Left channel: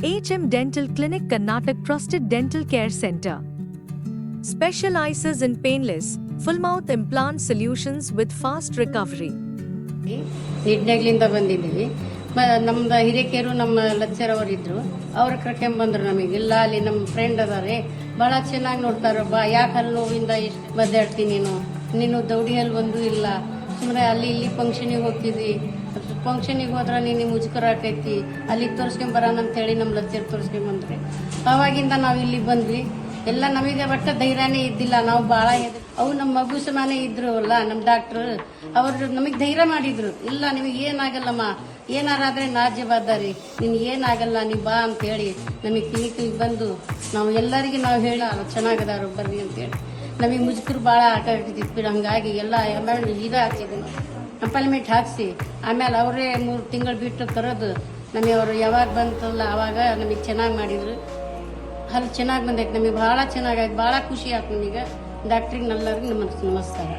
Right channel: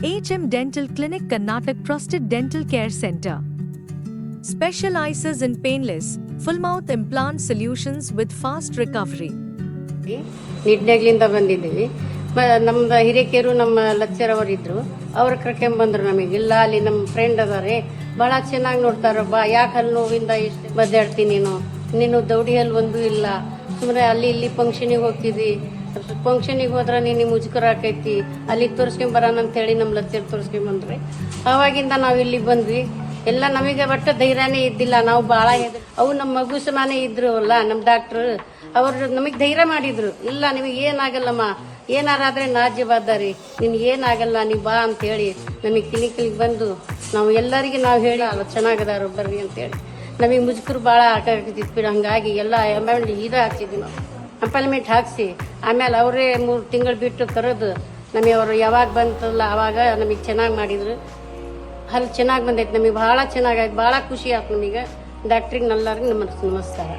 HM Dental Clinic Karnataka Trusted Dental Care Center specializes in painless, full mouth implant solutions with fast recovery. ನಿಡ್ನೆಗ್ಲಿಂದ ಬಂದಿದ್ದೀವಿ. ನಮ್ದು ಹಿರೇಕೆರು ನಮ್ಮ ಲಚ್ಚರ್ ಅವರಿದ್ರು, ಅವ್ರ ಕರ್ಕೊಂಬಂದ್ರು ನಮಗೆ. ಇಲ್ಲ ಅಲ್ಲಿ ನಮ್ಮ ಫ್ರೆಂಡ್ ಅದಾರೆ, ಬಹಳ ಚೆನ್ನಾಗಿ ನೋಡ್ತಾರ. ಯಾಕೆ ಹಲ್ಲು ನೋವಿಂದ ಎಷ್ಟು ಬದ್ದಾಡ್ತೀನಿ ನೀನು ದೌಡಿ ಹಲ್ಲು ಒಂದು ಇಲ್ಲ, ಸುಮ್ಮನೆ ಅಲ್ಲಿ ಇಲ್ಲಿ ಫಂಕ್ಷನಿಗೆ ಹೋಗ್ತಿದ್ದಿ, ಫಂಕ್ಷನಿಗೆ ಹೋದ್ರ ನೀನು ಮುಜುಕರ ಆಕೈತಿ, ಅಲ್ಲಿ ತೋರಿಸ್ಕೊಂಬರೋಣ ಅಂತ ಹೇಳಿ ನಮ್ಮ ಲಚ್ಚರ್ ತೋರಿಸ್ಕೊಂಬಂದ್ರಿ. ಅವಾಗಿಂದ ನಾವ್ ಇಲ್ಲಿಗೆ ಬಂದ್ವಿ. ಎಲ್ಲ ನಮಗೆ ಒಟ್ಟು ಧೈರ್ಯನೇ ಇದ್ದಿಲ್ಲ, ನಾವು ಬಹಳ ಅವು ನಮ್ಮ ಮಗು ಸಮಾನೆ ಇದ್ರು ಅಲ್ಲ ನಮ್ಮ ಡಾಕ್ಟರ್, ಅವ್ರು ನಮಗ್ ಧೈರ್ಯ ಮಾಡಿದ್ರು. ಇಲ್ಲ ನಿಮಗೆ ಏನಾಗಲ್ಲಮ್ಮ, ಏನಾರಾದ್ರೆ ನಾ ಜವಾಬ್ದಾರಿ, ನಿನ್ಗೆ ಏನಾಗಲ್ಲ, ನೀ ಬಾ ಅಂತ ಹೇಳಿ ನಮಗೆ ಕ್ಲಿನಿಕ್ಗೆ ಬಂದು ನಾವು ಎಲ್ಲರಿಗೆ ನಾವು ಹೇಳಿ ಚೆನ್ನಾಗದಾರ ಬರ್ರಿ ಅಂತ ಹೇಳಿ. ನಮಗೆ ಮುಜುಕರು ಬಹಳ ಆಟಾಡ್ತಿದ್ವಿ. ಹಂಗಾಗಿ ಎಲ್ಲ ಇದ ಹಾಕ್ಸಿದ್ವಿ ನಾವು, ಅಪಾಯಿಂಟ್ಮೆಂಟ್ ಹಾಕ್ಸಿ ಆಮೇಲೆ ಅವರೇ 3 ತಿಂಗಳು ಬಿಟ್ಟು ಕರೆದು ನಮಗೆ ಅವರು ಯಾವಾಗ ಬಂತಲ್ಲ ಅವಾಗ ನಮಗೆ ಚೆನ್ನಾಗಿ ಮಾಡಿದ್ರು. ಹಲ್ಲು ಚೆನ್ನಾಗಿ ಬಂದೈತೆ, ನಮಗೆ ಬಹಳ ಚೆನ್ನಾಗಾಯ್ತು, ಬಹಳ ಖುಷಿ ಆಯ್ತು ನಮಗೆ. ಡಾಕ್ಟ್ರಿಗೆ ಎಲ್ಲರಿಗೂ ನಮಸ್ಕಾರ.